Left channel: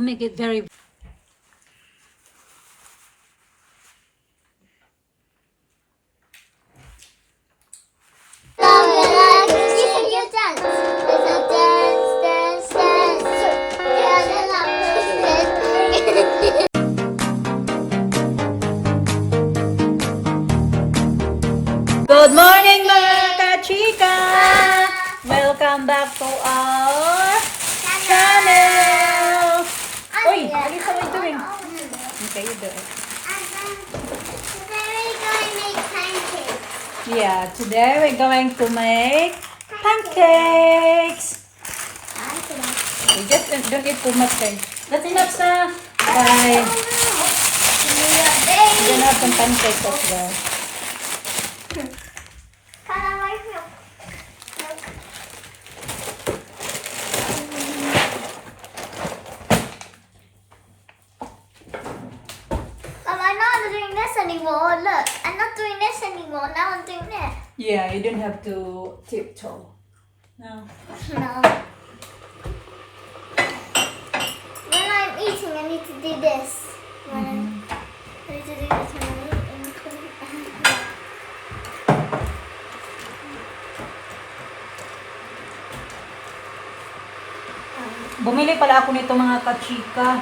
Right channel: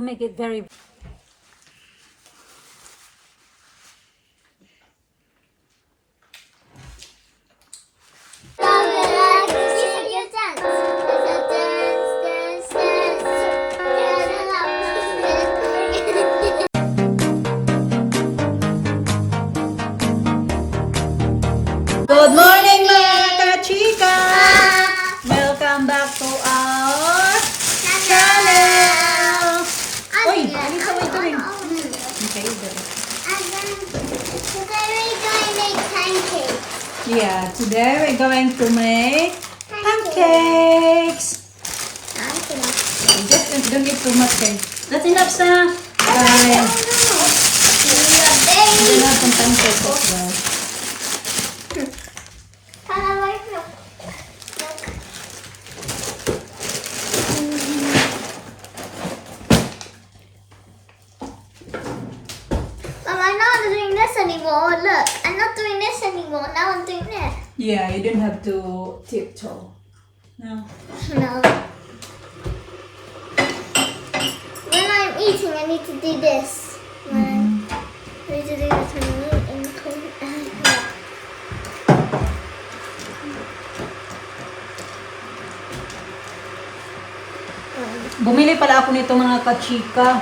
to make it very... Good morning mga kachika! Welcome back to our channel! Uy, Alisa, what are you doing? Okay, you do it. Yeah, today we're going to make pancakes. Just don't get too much cream. That's enough, sir. Guys, we're gonna have some pancakes as well. I'm not doing this anymore. Look, I'm not doing this anymore. Now I'm doing this. Yeah, you didn't have to tiptoe. No. No. When I'm eating, I need to do this. When I need to do this when I'm eating. Bumili pala ako nito mga kachika.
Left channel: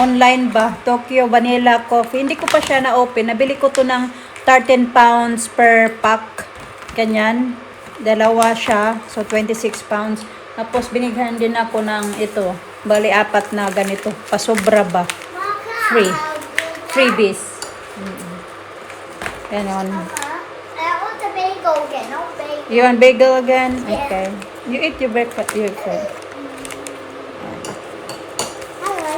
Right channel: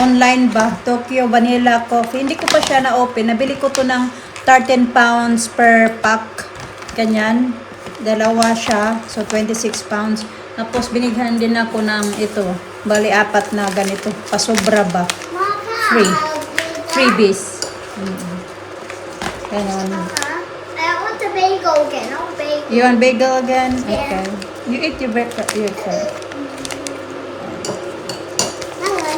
Online ba? Tokyo Vanilla Coffee. Hindi ko pa siya na-open. Nabili ko to ng 13 pounds per pack. Ganyan. Dalawa siya. So, 26 pounds. Tapos, binighan din ako ng ito. Bali, 4 na ganito. Pasobra ba? Free. Freebies. Ganon. I want the bagel again. I want bagel. You want bagel again? Yeah. Okay. You eat your breakfast. You eat first.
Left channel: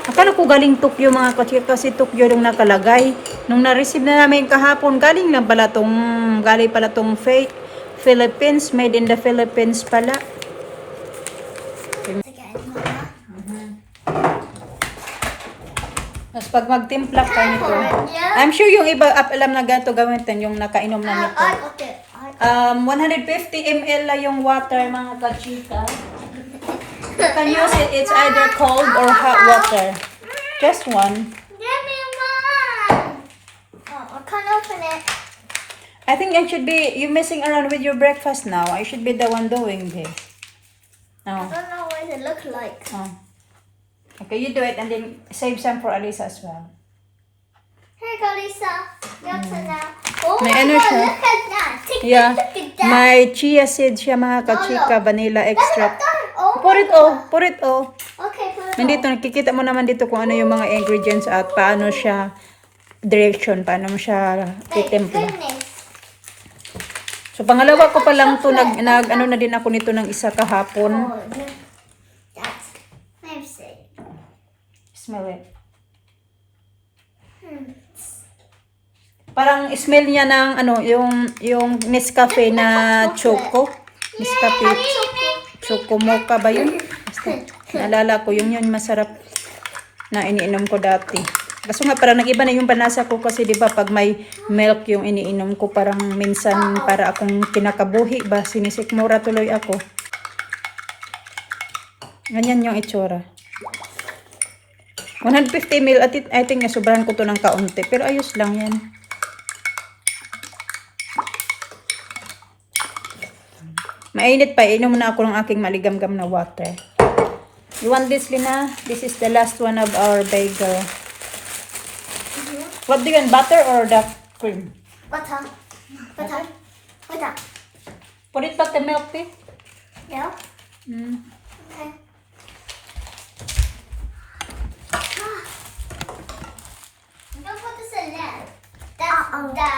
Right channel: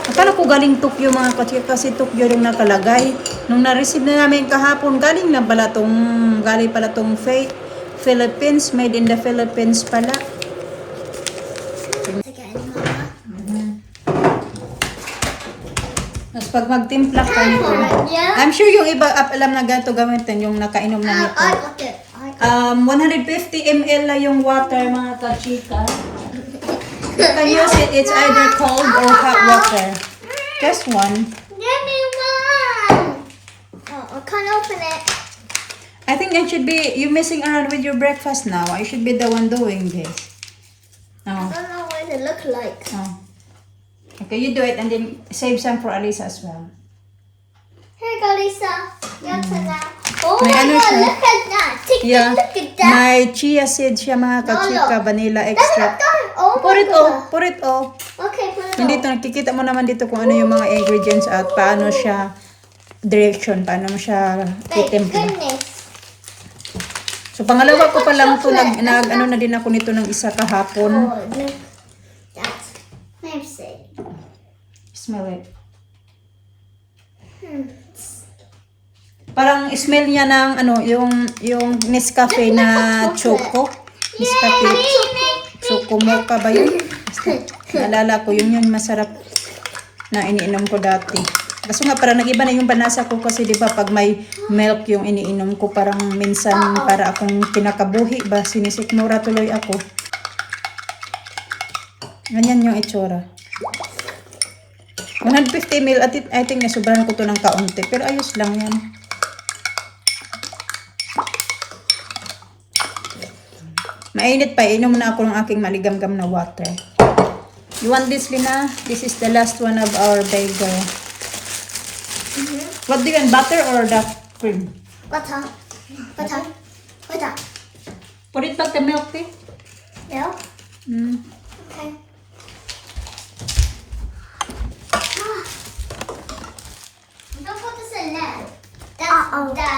Akala ko galing Tokyo mga kachika kasi Tokyo rin nakalagay. Nung na-receive na namin kahapon, galing pala tong fake Philippines, made in the Philippines pala. Again, Mama. Tapos pag magtimpla ka nito, Yeah. I'm sure yung iba alam na ganito gamitin, yung nakainom na nito. I got it. I got 150 ml lang yung water mga kachika. You can use it, it's either cold or hot water. Just one. Give me one. Oh, I can't open it. I think I should be, you messing around with your breakfast now. I should be the one doing this. I Oh. don't know what it looks like. Oh. Okay, you do it and then save some for Alisa as well. Here you go, Lisa. Your turn now. Oh May my ano God! siya? Look at that. Take Yeah. a look at that. May chia seed siya mga kachika, vanilla That's extract. done. Oh Pour my it all, God. pour it all. Okay, put it Nandito, nakikita mo naman dito kung ano yung mga ingredients at paano siya, direction, paano mo siya Thank titimpla. goodness. So, pangalawa ko pa lang ito, ano na din ako nito ng isa kahapon. Oh, look. That's fancy. Smell it. Parang smell niya ng ano, yung Nescafe na choco. Nescafe choco mocha ba yun? Basta, naalala ko, yun masarap na iniinom ko dati. Kaso nga parang nag-iba na yung panlasa ko kasi di ba pag may milk yung iniinom ko parang minsan para akong kinakabuhi ba, sinisikmura tuloy ako. Ganyan yung itsura. 150 ml at I think nasubrahan ko to ng kaunti pero ayos lang yan. Mainit pa, inom na ako ng aking maligam-gam na water. You want this, Lina? This is the last one of our bagel. What do you want, butter or the cream? Butter. Butter. Butter. Put it back the milk, please. Yeah. Mm. Okay. Don't put this in there. That's the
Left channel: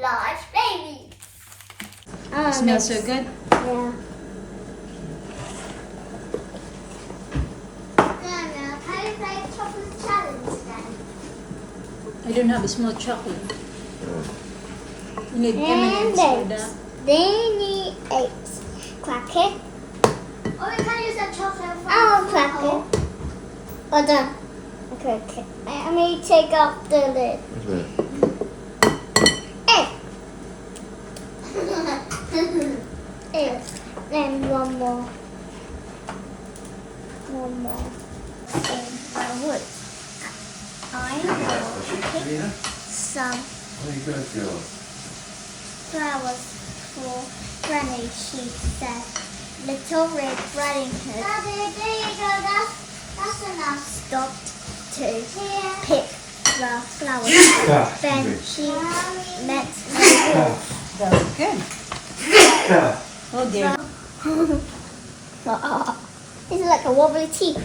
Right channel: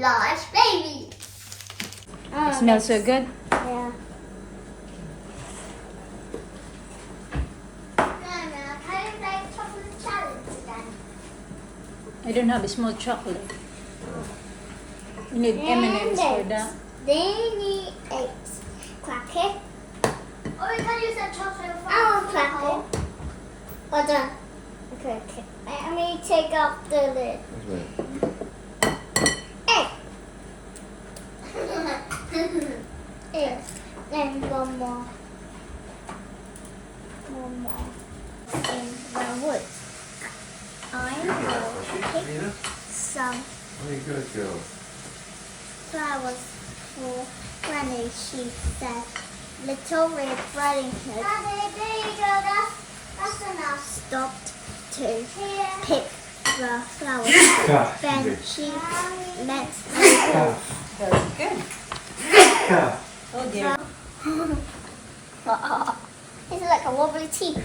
large baby. Oh, Smells so good. Yeah. Now, can I play chocolate challenge then? I don't have a small chocolate. You need 10 And minutes for that. they need eggs. Crack it. Or we can use that chocolate. I'll crack it. Oh, done. Okay. Let me take off the lid. Egg. Egg. Then one more. one more in the wood. I will pick some Very good, girl. flowers for Granny, she said. Little Red Riding Hood Daddy, there you go. That's enough. Stopped to pick the flowers. Then she met the wolf. Very good. Okay. It's like a wobbly teeth.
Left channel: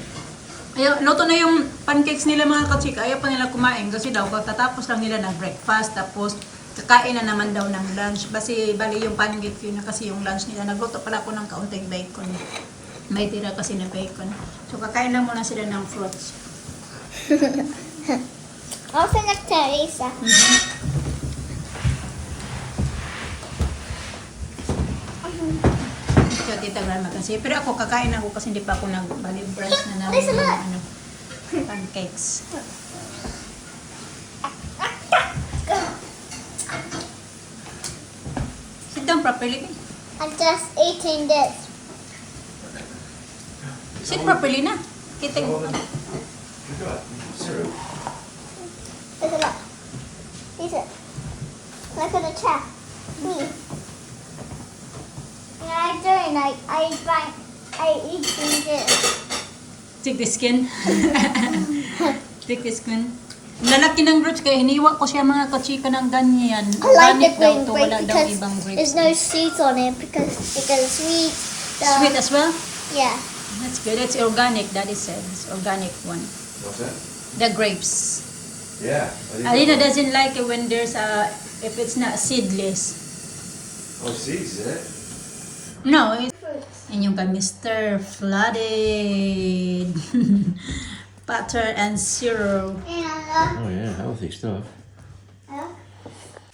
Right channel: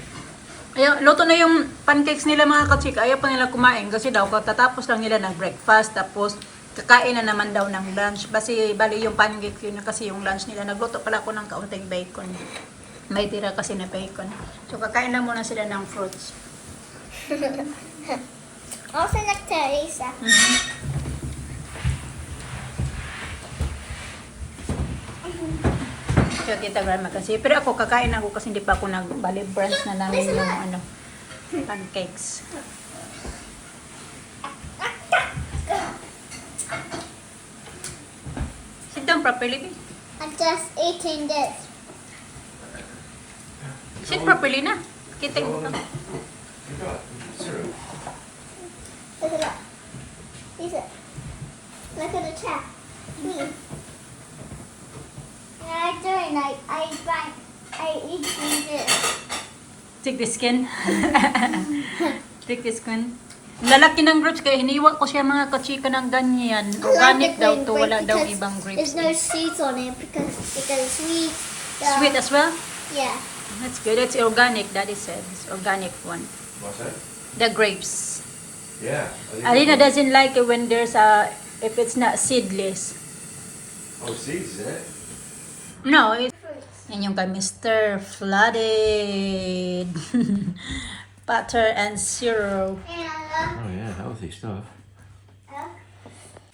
Ayaw, luto na yung pancakes nila mga kachika. Ayaw pa nila kumain kasi daw katatapos lang nila ng breakfast. Tapos kakain na naman daw ng lunch. Bali yung pancake yun na kasi yung lunch nila. Nagluto pala ako ng kaunting bacon. May tira kasi na bacon. So kakain na muna sila ng fruits. Also like Teresa. So tita Grandma kasi. Pero ako kakain ako kasi hindi pa ako nagbali burns na namin Listen, yung look. ano, pancakes. Sit down properly. I'm just eating this. Sit properly na. Kita mo ka. You got syrup. Listen, look. Listen. Look at the chair. Me. Yeah, I'm doing I eating this. Take the skin. Take the skin. Lalaki ng grapes kaya hiniwa ko siya mga kachika ng ganyan. I like the Organic daw green to, grape wala daw because ibang grapes. there's no seeds on it because it's sweet. Sweet as well? Yeah. That's good. It's organic, Daddy said. It's organic one. What's that? The grapes. Yeah. Alina doesn't like it when there's if it's not seedless. Oh, seeds, is it? No, and yung kay Mr. Flooded. Butter and syrup. And Oh, yeah, healthy stuff.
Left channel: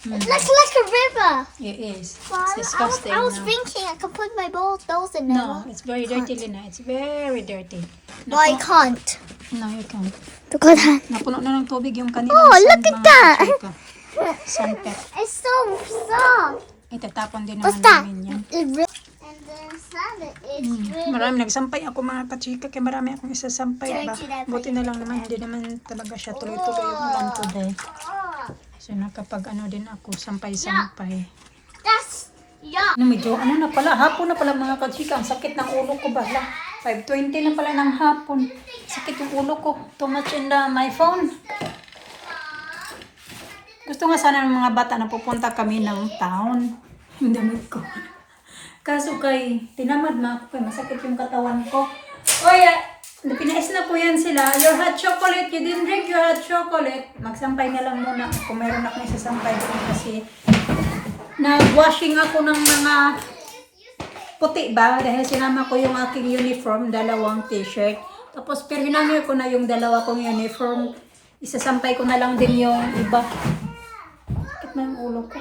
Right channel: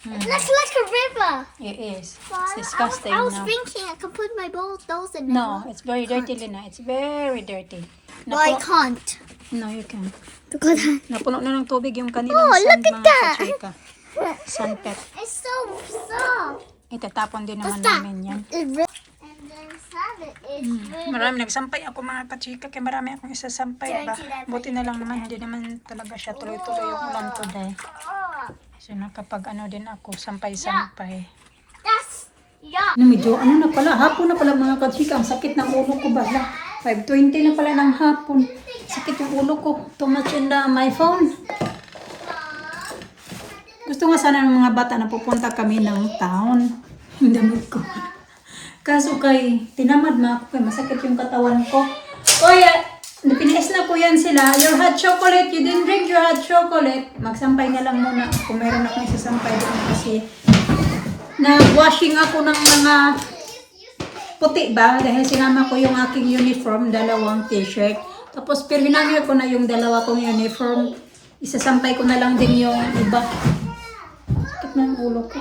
it looks like a river. It is. Well, It's disgusting I was now. thinking I could put my nose in there. No, it's very dirty, Lina. It's very dirty. No, I can't. No, you can't. Because Napuno na ng tubig yung kanilang Oh, sand, look at mga that. kachika. Sandpet. it's so soft. Itatapon din What's naman that? namin yan. And the sand is really Marami nagsampay ako mga kachika kaya marami akong isasampay ba. Buti na lang naman, hindi naman talaga siya tuloy-tuloy yung ulan today. oh, So nakapag ano din ako, sampay-sampay. that's yuck. Medyo ano na pala, hapon na pala mga kachika, ang sakit ng ulo ko ba? 5:20 na pala ng hapon. Sakit yung ulo ko. Too much in my phone. Gusto nga sana ng mga bata na pupunta kami ng town. Yung damit ko. Kaso kay, tinamad ma ako kay masakit yung katawan ko. Oy, pinais na ko yan sila. Your hot chocolate, you didn't drink your hot chocolate. Magsampay na lang muna ako. Meron akong isasampay doon kasi nag-washing ako ng mga puti ba? Dahil sinama ko yung aking uniform, dalawang t-shirt. Tapos pero hinangir ko na yung dalawa kong uniform. Isasampay ko na lang din yung iba. Sakit na yung ulo ko.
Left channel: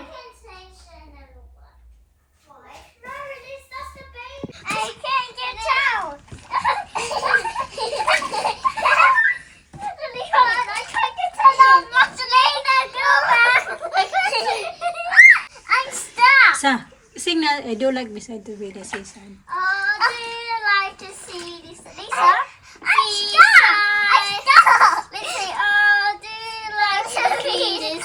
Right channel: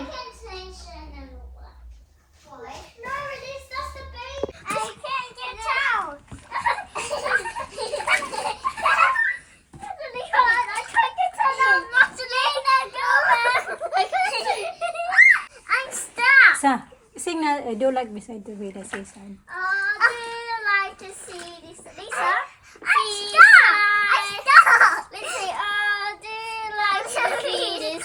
I can't get out. Leon, I can't get out. Marcelina, go back. I'm stuck. Sa, sing na, I do like beside the way, the seaside. Oh, do you like to see this, Lisa? I'm stuck. I'm stuck. Let's say, oh, do you like to see this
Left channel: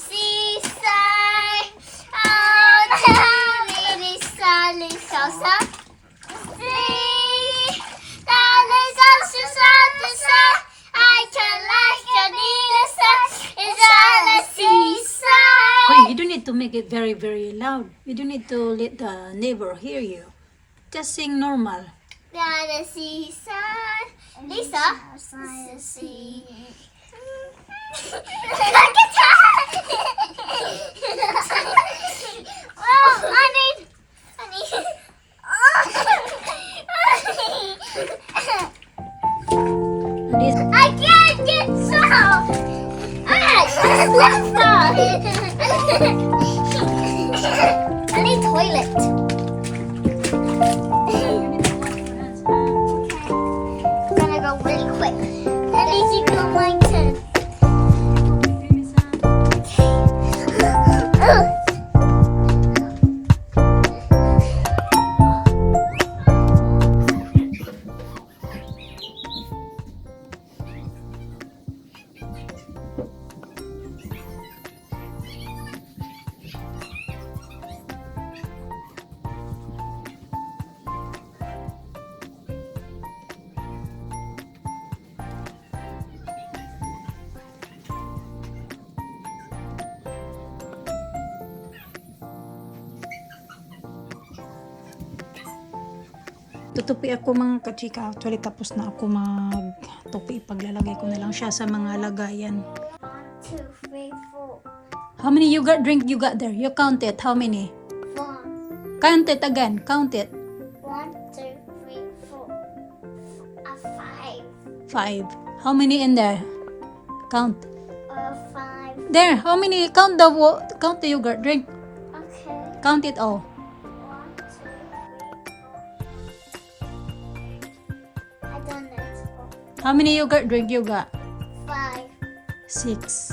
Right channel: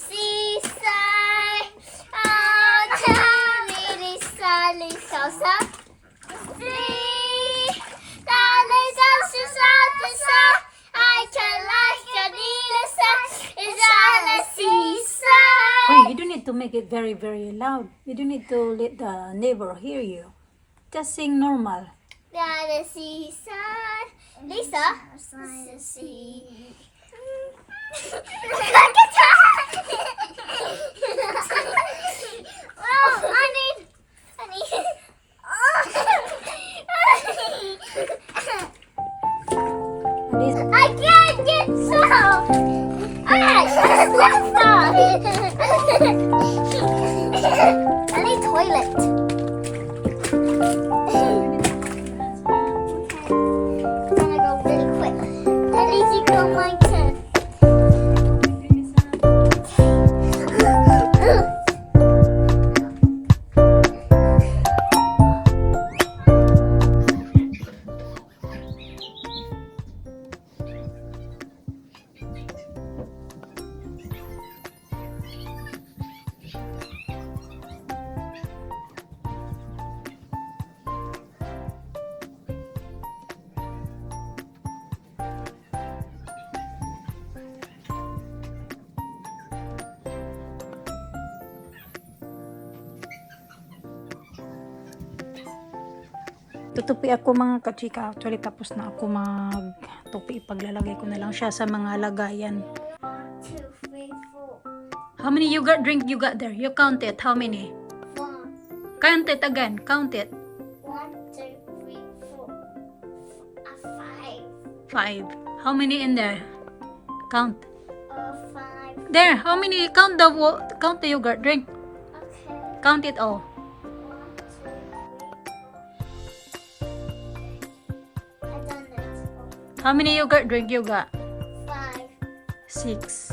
seaside? Oh, tell me Lisa, Lisa, Lisa. See, darling, Lisa, I can like a Lisa. It's on the seaside. Hey, you don't need to make it very, very loud. You don't need to let the neighbor hear you. Just sing normal. Down the seaside. Lisa, see. Oh, I need. And this, I can't get some. Let's go. I need toilet. I'm gonna go really quick. At least you go my turn. Tutupi ako mga kachika. Actually, tapos na ako magtupi. Paglalagay ko na lang siya sa mga lagayan. 1, 2, 3, 4. How many yogurt drink you got there? You count it. How many? 1, Count it again. Count it. 2, 3, 4. 5. 5. How many in there? Count. 5. There. How many? Count the yogurt drink. Okay. Count it all. 1, 2, 3, 4. I done it. How many yogurt drink you got? 5, 6. 6.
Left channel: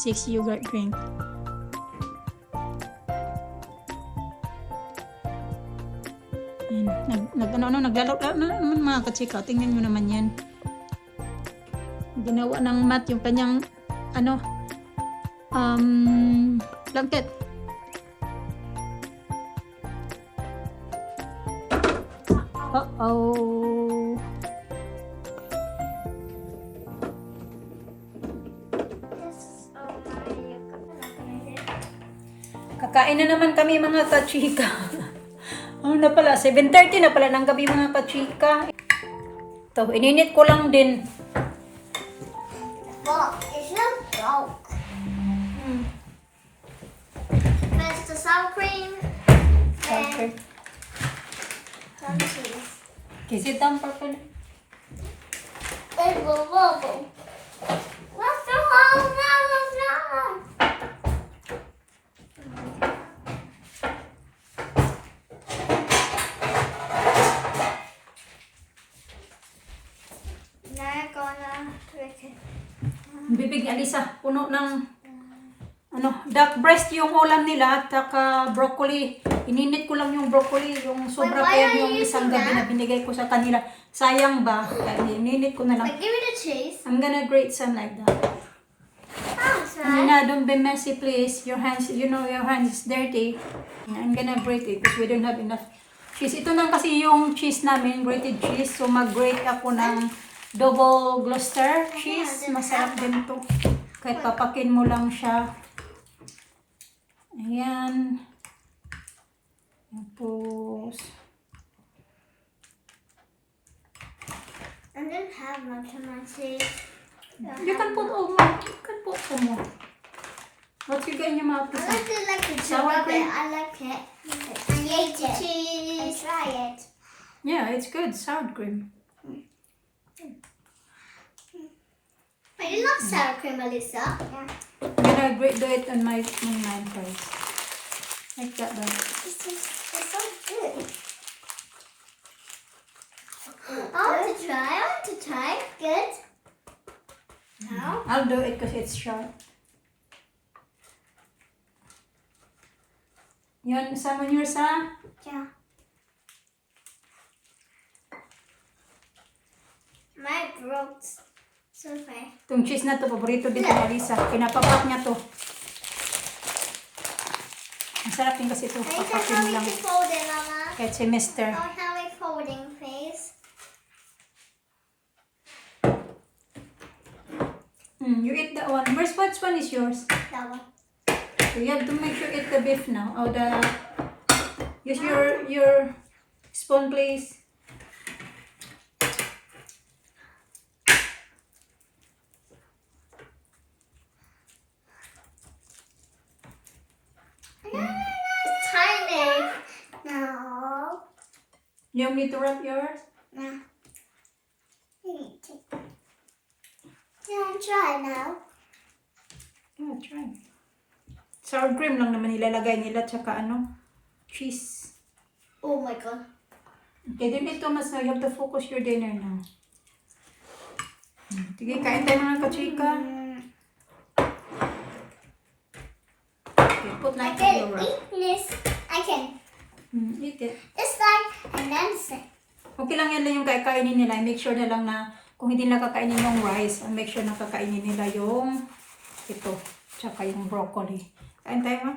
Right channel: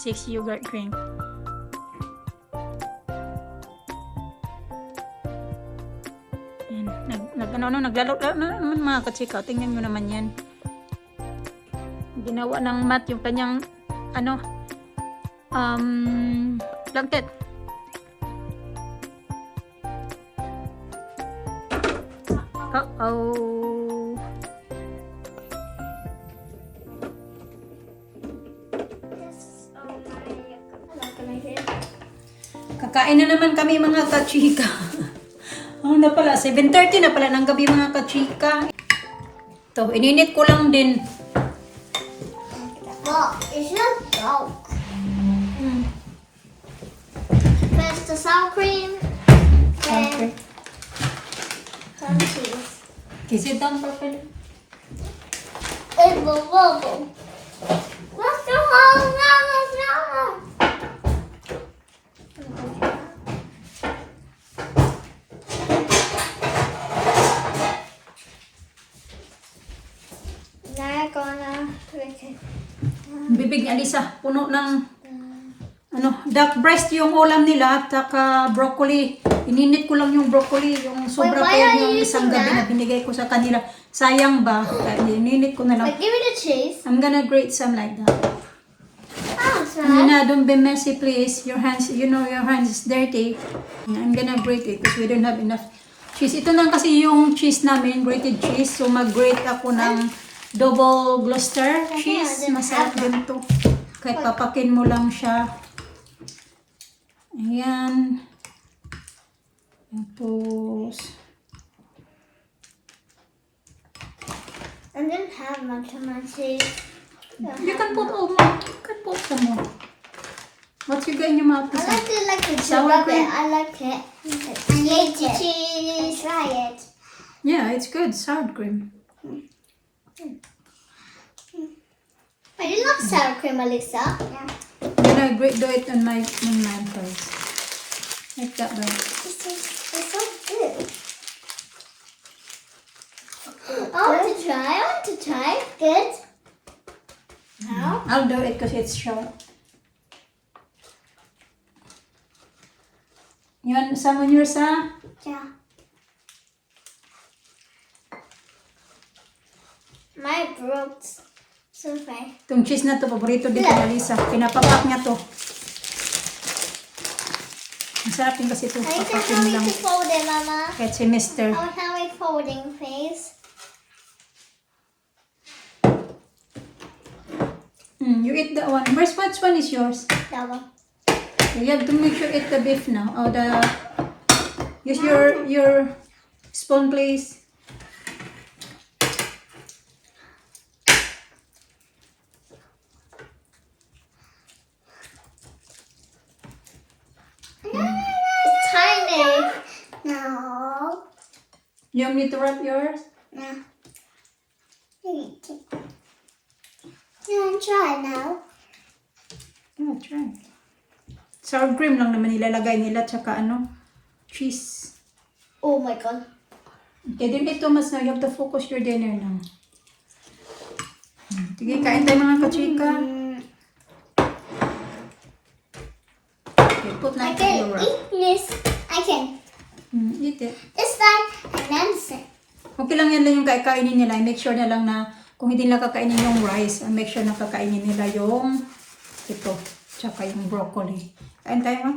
6 yogurt drink. Yan. Naglalaro naman mga kachika. Tingnan nyo naman yan. Ginawa ng mat yung kanyang blanket. Uh-oh. This is my Kakain na naman kami mga kachika. Ano na pala? 7:30 na pala ng gabi mga kachika. Ito, ininit ko lang din. Well, it's not broke. There's the sour cream and some cheese. Is it done properly? It will wobble. What's the whole no. Now I'm gonna click it. Bibig ni Alisa, puno ng duck breast yung ulam nila at saka broccoli. Ininit ko lang yung broccoli, yung sobra Wait, why pa are yung you isang using gabi that? na binigay ko sa kanila. Sayang ba? Kaya ininit ko na lang. Wait, give me the cheese. I'm gonna grate some like that. Oh, Nina, don't be messy please. Your hands, your hands is dirty. I'm gonna grate it because we don't have enough cheese. Ito na kasi yung cheese namin, grated cheese. So mag-grate ako ng double Gloucester cheese. Masarap din to. Kahit papakin mo lang siya. Ayan. Tapos, I didn't have much of my cheese. you can put all more. You can put some more. What's you got in your mouth? I like it like the Sour cheese. cream? I like it. I hate the cheese. Try it. Yeah, it's good. Sour cream. I did love sour cream, Alyssa. Yeah. I'm gonna do it on mine first. Like that, but It's so good. I want to try. Good. Now? I'll do it because it's short. You want some on yours, huh? Yeah. My broke survey. Itong cheese na to, paborito din ko ni Lisa. Pinapapak niya to. Masarap din kasi ito. I need to Papakin how mo lang. to fold it, Mama. Kahit si Mister. Oh, how we folding, please? You eat that one. Which one is yours? That one. So you have to make sure eat the beef now. Or use your spoon, please. It's tiny. No. You want me to wrap yours? No. You want to try now? Yeah, try. Sour cream lang naman ilalagay nila tsaka cheese. Oh my god. Okay, don't eat too much now. You have to focus your dinner now. Sige, kain tayo mga kachika. Okay, put I like can your wrap. eat this. I can. Eat it. This side and then sit. Okay lang yan lang yung kainin nila. Make sure na lang na kung hindi nila kakainin yung rice, make sure na kakainin nila yung ito, tsaka yung broccoli. Kain tayo ma?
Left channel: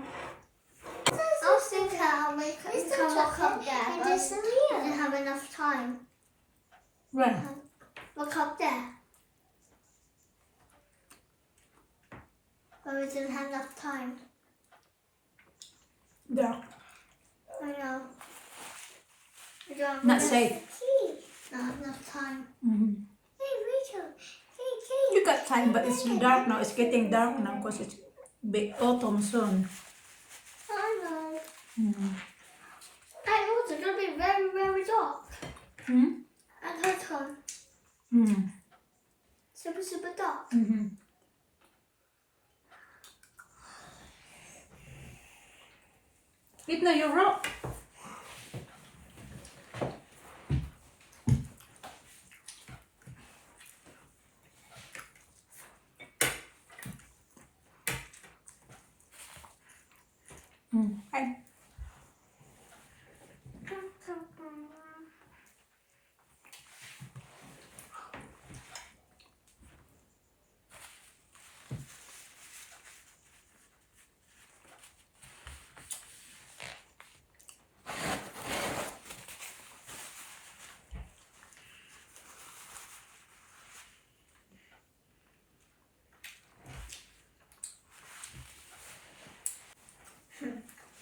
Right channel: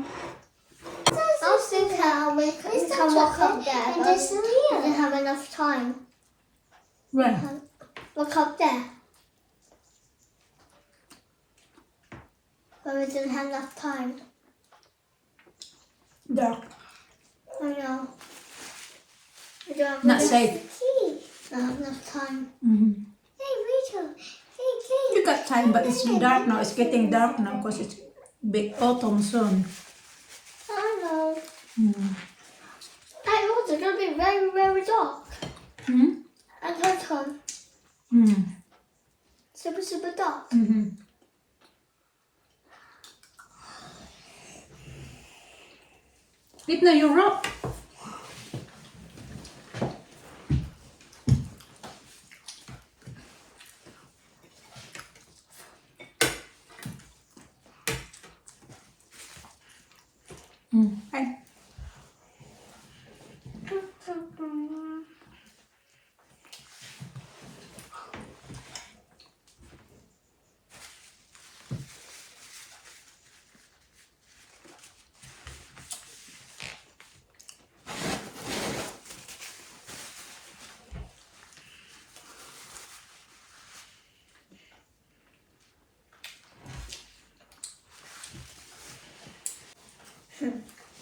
I'll still can we can walk up there. But we didn't have enough time. Right. Look up there. But we didn't have enough time. Dark. I know. We don't have Not enough safe. tea. Not enough time. Mhm. Hey, Rachel. Hey, Kate. You got time, but it's dark now. It's getting dark now because it's big autumn soon. Hello. Mm. And also going to be very, very dark. Hmm? And autumn. Mm. Super, super dark. Mhm. Eat na yung rock. Okay.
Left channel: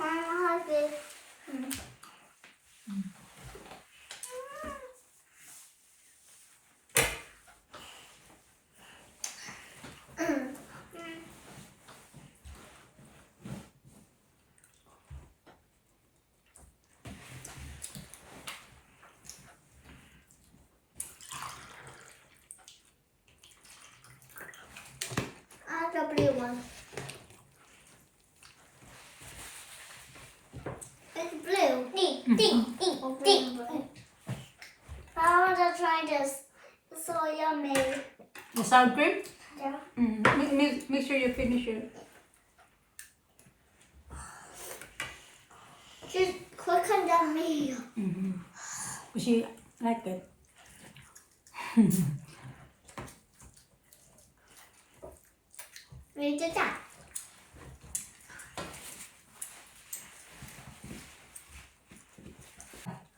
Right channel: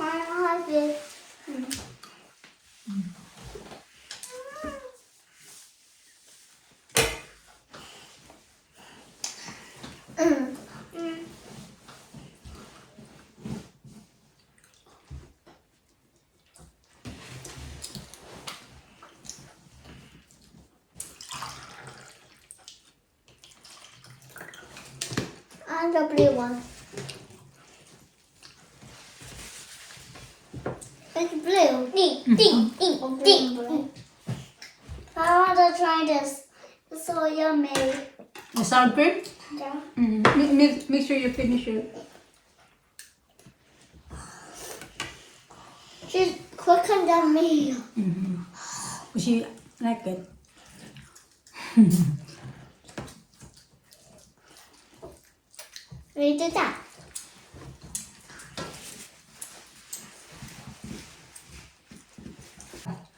I have this. And the blue one. It's blue. Ding. I want to try this. It's so yummy. The sour cream? Yeah. Make sure you finish it. She's quicker than me. She like it. We did that.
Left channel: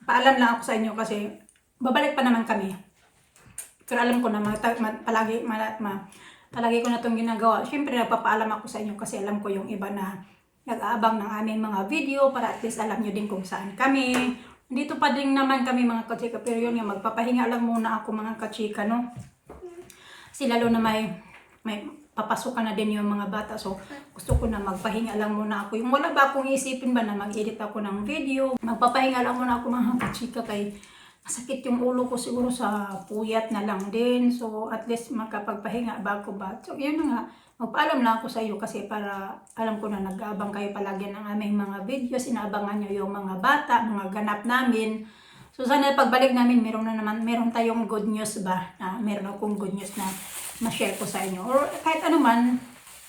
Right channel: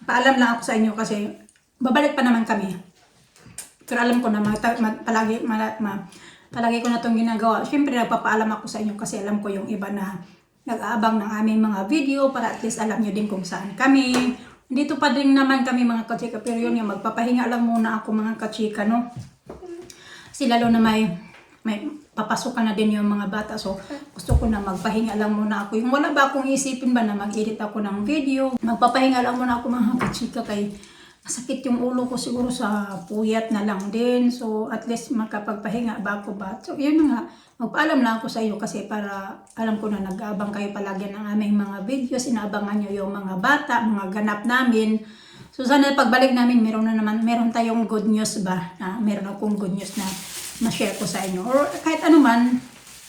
Paalam lang ako sa inyo kasi babalik pa naman kami. Pero alam ko na palagi ko na itong ginagawa. Siyempre nagpapaalam ako sa inyo kasi alam ko yung iba na nag-aabang ng aming mga video para at least alam nyo din kung saan kami. Dito pa din naman kami mga kachika, pero yun yung magpapahinga lang muna ako mga kachika, no? Kasi lalo na may papasukan na din yung mga bata, so gusto ko na magpahinga lang muna ako. Yung wala ba akong isipin ba na mag-edit ako ng video, magpapahinga lang muna ako mga kachika kay masakit yung ulo ko siguro sa puyat na lang din. So at least makapagpahinga ba ako ba? So yun nga, magpaalam lang ako sa iyo kasi para alam ko na nag-aabang kayo palagi ng aming mga videos, inaabangan nyo yung mga bata, mga ganap namin. So sana pagbalik namin meron tayong good news ba, na meron akong good news na ma-share ko sa inyo or kahit ano man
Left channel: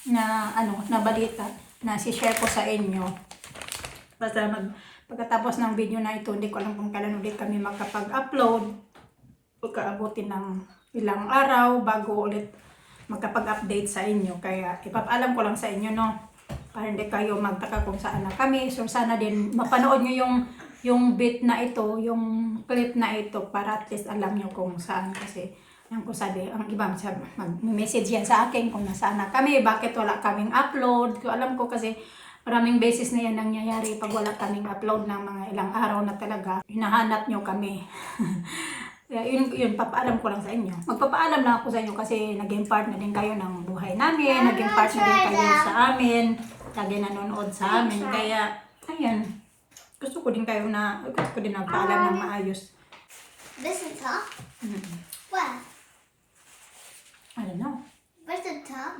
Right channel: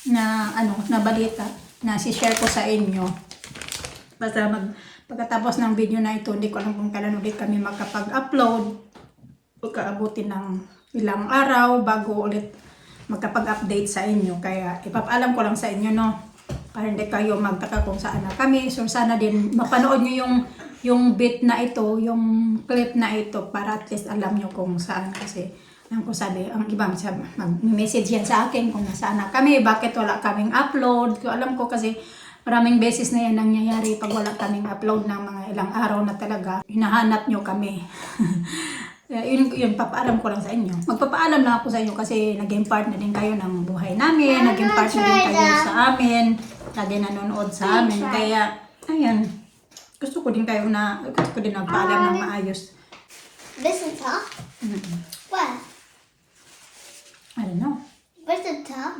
na na balita na si-share ko sa inyo. Basta pagkatapos ng video na ito, hindi ko alam kung kailan ulit kami makapag-upload. Pagkaabutin ng ilang araw bago ulit magkapag-update sa inyo. Kaya ipapaalam ko lang sa inyo, no? Para hindi kayo magtaka kung saan na kami. So sana din mapanood nyo yung bit na ito, yung clip na ito para at least alam nyo kung saan. Kasi ang ko sabi, ang iba mag-message yan sa akin kung nasaan na kami, bakit wala kaming upload. So, alam ko kasi maraming beses na yan nangyayari pag wala kaming upload ng mga ilang araw na talaga. Hinahanap nyo kami. Yun, papaalam ko lang sa inyo. Magpapaalam lang ako sa inyo kasi naging part na din kayo ng buhay namin. Naging part na din kayo sa amin. Lagi nanonood sa amin. Kaya, ayan. Gusto ko din nagpaalam ng maayos. This is top? Where? I don't know. Where's the top?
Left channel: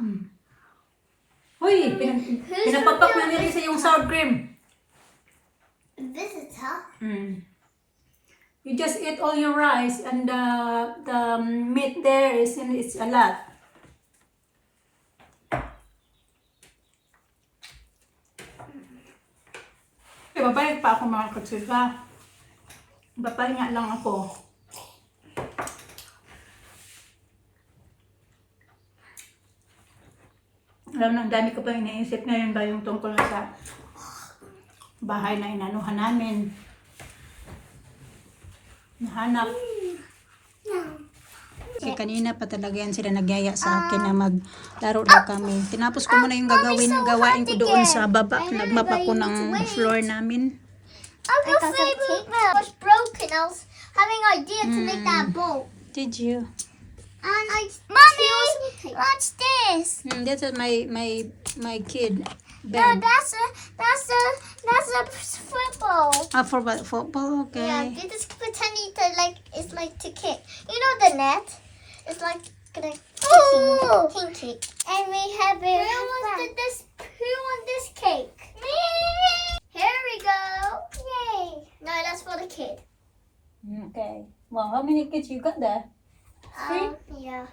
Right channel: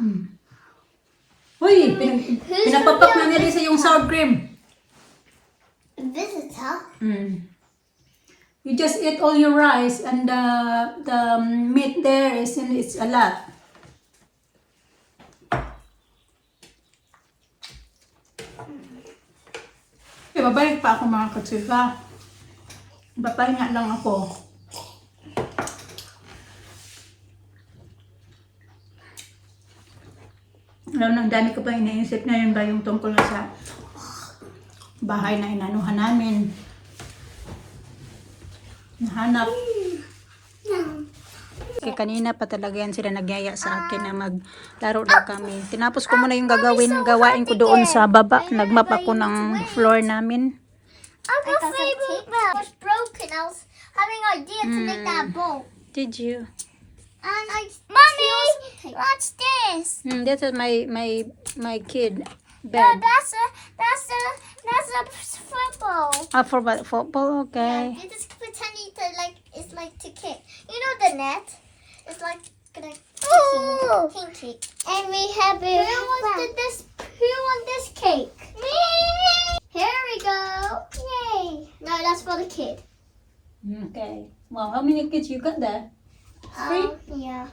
Uy, pinapapak na nila sa yung sour cream. This is top? You just eat all your rice and the meat there it's a lot. Okay, babalik pa ako mga katsika. Papahinga lang ako. Alam na, ang dami ko pa iniisip ngayon ba yung tungkol na sa bahay na inanuhan namin. Nahanap. Kasi kanina pa talaga yan sila nagyaya sa akin na maglaro daw kami. Tinapos ko muna yung gawain ko doon sa baba. Nagmap ako ng floor namin. I'm your favorite milk. It was broken. I was having an idea to make that bowl. Did you? And Mommy, what's this? This is my kid No, bed. that's a football. For football, okay. Yeah, you just pretending to it's like to kick. You know the net? It's like gonna kick. And we have it. Who wants this cake? Me. Here we go. Yay. No, that's for the kid. Okay. Well, how many kids you got there? Yeah.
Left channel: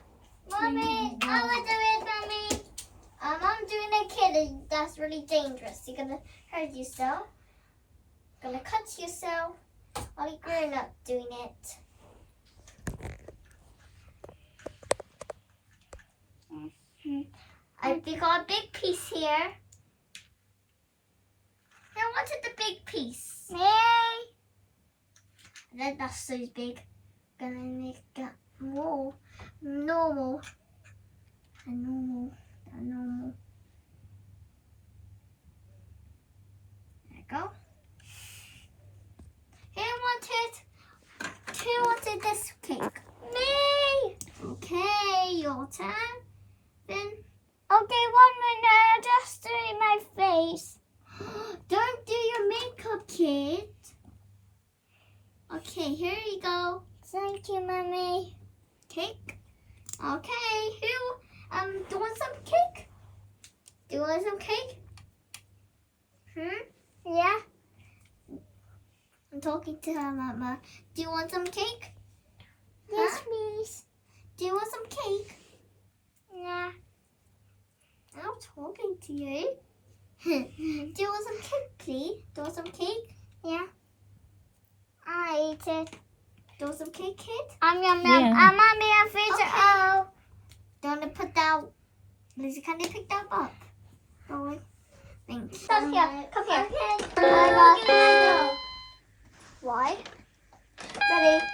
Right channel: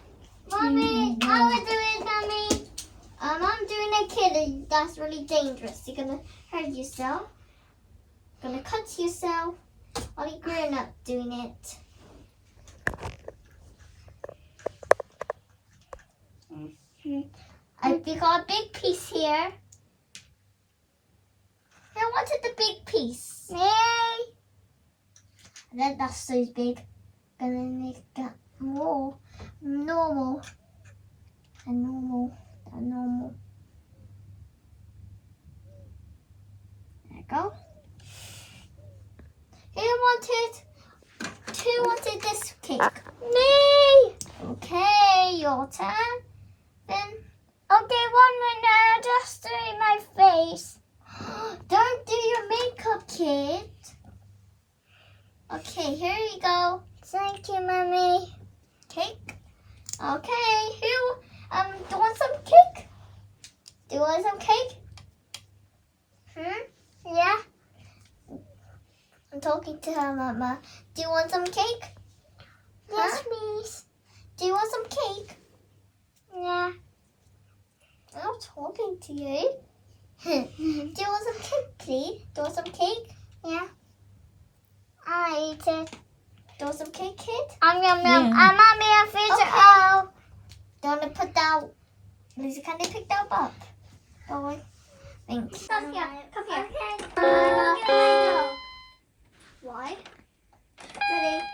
Mommy, I want to do it, Mommy. I'm doing a kid, and that's really dangerous. You're gonna hurt yourself. Gonna cut yourself while you're grown up doing it. We got a big piece here. I wanted the big piece. Yay! And then that's so big. Gonna make that more normal. And normal. And normal. There you go. Who wanted this cake? Me! Okay, your turn. Then okay, 1 minute, just doing my face. Don't do your makeup, kid. Okay, here we go. Thank you, Mommy. Cake. Okay, do you want some cake? Do you want some cake? Yeah. I'm talking to her, Mama. Do you want some cake? Yes, please. Do you want some cake? Yeah. I'm not talking to you. Do you want some cake, please? Do you want some cake? Yeah. I eat it. Do you want some cake, kid? Yum, yum. Yeah. Mommy, I'm freezing. Oh. Don't want to put that. Lizzie, can you pick that up? Oh, wait. Thank you. Come here. Come here. Okay. Why? Ready?